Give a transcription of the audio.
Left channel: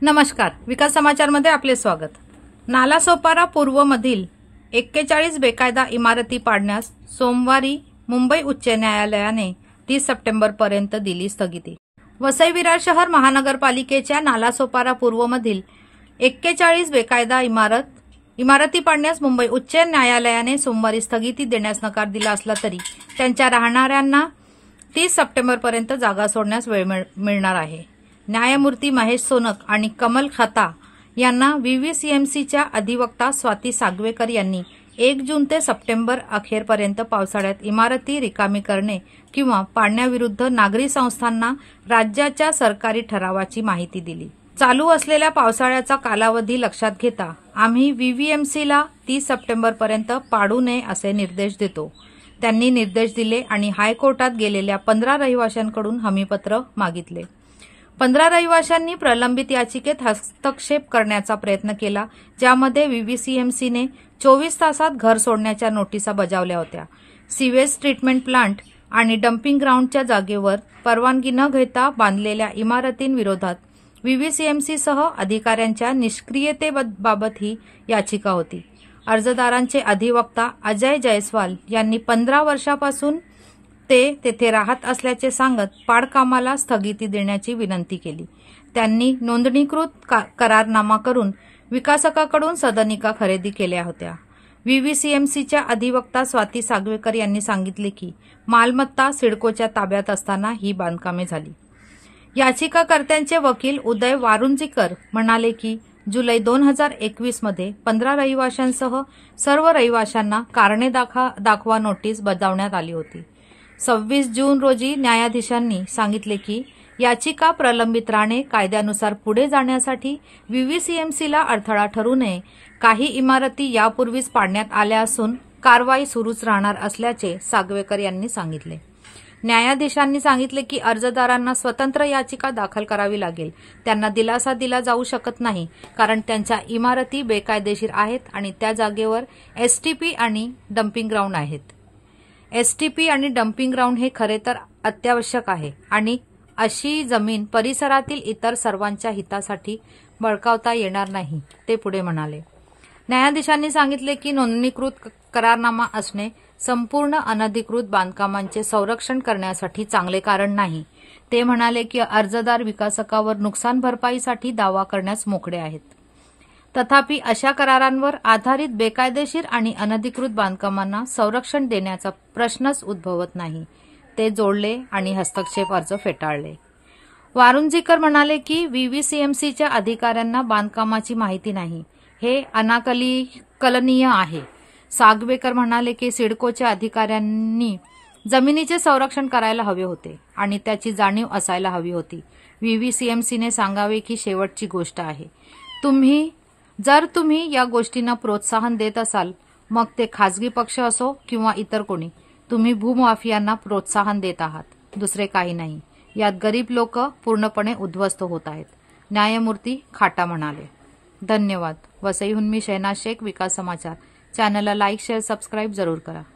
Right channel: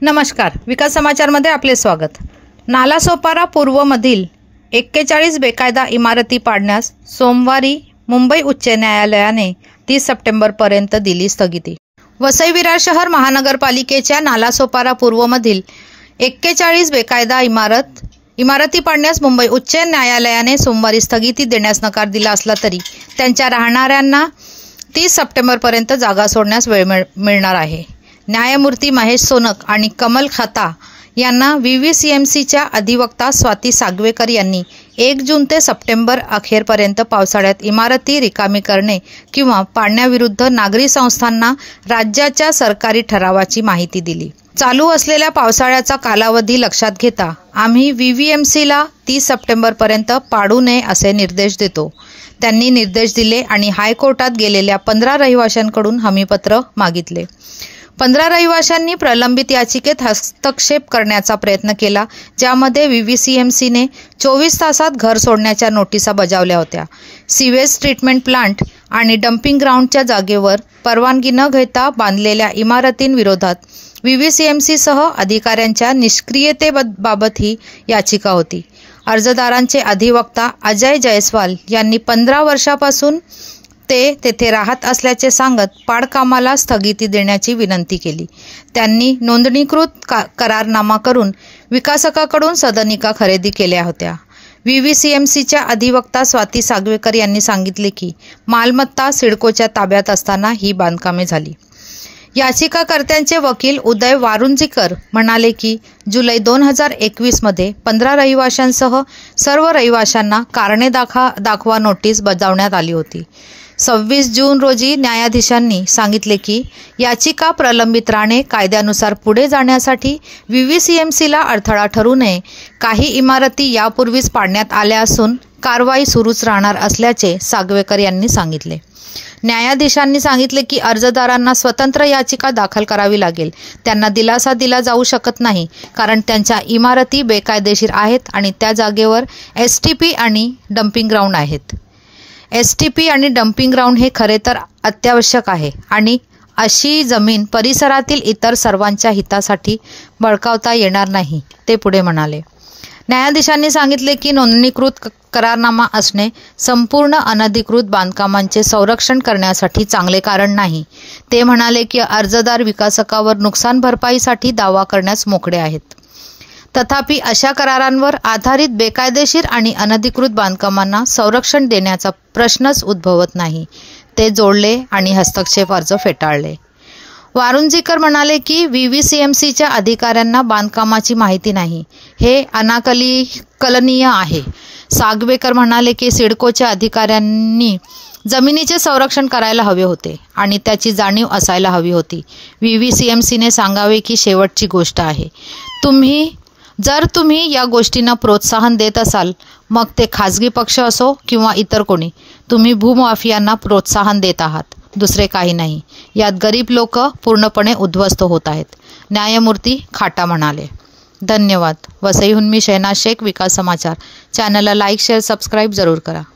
नमस्कार, विकास समाचारमध्ये आपले स्वागत। नालासोपारा पूर्वमधील 41 बेकायदा इमारती पाडण्यास सोमवारी मुंबई उच्च न्यायालयाने 30 सप्टेंबरपर्यंत दिली स्थगिती। वसई विरार शहर महानगरपालिकेच्या नालासोपारा पूर्वमधील 41 बेकायदा इमारती पाडण्यास मुंबई उच्च न्यायालयाने सोमवारी स्थगिती देण्यास नकार दिला असला तरी त्यांच्या राहणाऱ्यांना 30 सप्टेंबरपर्यंत जागा सोडण्यास वेळ मिळणार आहे। न्यायमूर्ती महेश सोनक आणि कमल खाता यांना व्हीव्हीसीएमसीच्या अधिवक्ता स्वाती सागवेकर यांनी 1 जून ते सप्टेंबर अखेरपर्यंत पावसाळ्यात इमारती रिकामी करणे किंवा पाडण्याविरुद्ध नागरी संस्थांना राज्याच्या सरकारी ठरावाची माहिती दिली। चालू असलेल्या पावसाळ्याचा कालावधी लक्षात घेता आम्ही व्हीव्हीएमसीला 30 सप्टेंबरपर्यंत पाडू नये असे निर्देश देतो। त्यांनी निर्देश दिले आणि हायकोर्टात गेलेल्या 15 रहिवाशांकडून हमीपत्र मागितले। 15 रहिवाशांनी प्रलंबित याचिकेत हस्तक्षेप करण्याचा प्रयत्न केला, ज्यामध्ये व्हीव्हीसीएमसीने 24 तासात घर सोडण्याच्या नोटिसा बजावल्या होत्या। सिवेज ट्रीटमेंट प्लांट आणि डम्पिंग ग्राउंडच्या जागेवर परवानगी न घेता बांधलेल्या इमारतींविरोधात व्हीव्हीसीएमसीसह अधिकाऱ्यांच्या निष्क्रियतेबाबत ही याचिका होती। अर्जदारांचे अधिवक्ता अजय जयस्वाल यांनी 15 वर्षापासून ते तेथे राहत असल्याचे सांगत पाडकामाला स्थगिती देण्याची विनंती केली। त्यांनी नोंदणीकृत करारनामा करून विकासकाकडून सदनिका खरेदी केल्या होत्या। व्हीव्हीसीएमसीच्या अधिवक्ता स्वाती सागवेकर यांनी सांगितले की मालमत्ता सिडकोच्या ताब्यात असताना ही बांधकामे झाली। याचिकाकर्त्यांचे वकील उदय वारुंजीकर म्हणाले की जुलै 2021 मध्ये 15 रहिवाशांसह सर्व रहिवाशांना कारणे दाखवा नोटीस बजावण्यात आली होती। 26 जून रोजी न्यायाधीशांनी सांगितले की याचिका प्रलंबित राहणे कायद्यानुसार पुढे जाण्यासाठी व्हीव्हीसीएमसीला अडथळा ठरू नये। काही इमारती यापूर्वीच पाडण्यात आल्या असून कारवाई सुरूच राहणार असल्याचे सागवेकर यांनी सांगितले। न्यायाधीशांनी सांगितले की अर्जदारांना स्वतंत्र याचिका दाखल करावी लागेल। त्यांना दिलासा दिला जाऊ शकत नाही कारण त्यांच्या इमारती बेकायदेशीर आहेत आणि त्या जागेवर एसटीपी आणि डम्पिंग ग्राउंड आहेत। एसटीपी आणि डम्पिंग ग्राउंड हे खरे तर अत्यावश्यक आहे आणि अशी जमीन परिसरातील इतर सर्वांच्या हितासाठी बळकावता येणार नाही, ते पुढे म्हणाले। न्यायाधीशांनी सांगितले की नोंदणीकृत करारनामा असणे संपूर्ण अनधिकृत बांधकामांचे संरक्षण करण्यासाठी चांगले कारण नाही। ते म्हणाले की अर्जदार विकासकावर नुकसान भरपाईसाठी दावा करण्यास मोकळे आहेत। तथापि अशा करारांवर आधारित बेकायदेशीर आणि अनधिकृत बांधकामांना संरक्षण देण्याचा प्रश्नच उद्भवत नाही, ते जोडले आणि हस्तक्षेप अर्ज फेटाळले। वारुंजीकर म्हणाले की व्हीव्हीसीएमसीच्या अधिकाऱ्यांना बांधकामाची माहिती नाही, हे अनाकलनीय आहे। सागवेकर म्हणाले की सिडकोच्या अधिकाऱ्यांनी जमिनीचे संरक्षण करायला हवे होते आणि त्याची जाणीव असायला हवी होती। व्हीव्हीसीएमसीने सांगावे की शेवटची गोष्ट आहे, जर तुम्ही या गोष्टींना प्रोत्साहन देत असाल, मग ते खाजगी पक्ष असो किंवा इतर कोणी, तुम्ही भूमाफियांना प्रोत्साहन देत आहात, दुसरे काही नाही। यात गरीब लोक पूर्णपणे उद्ध्वस्त होत आहेत, न्यायमूर्ती खाटा म्हणाले। धन्यवाद। वसईहून मी शहनाज शेख, विकास समाचार। चॅनलला लाईक, शेअर, सबस्क्राईब जरूर करा।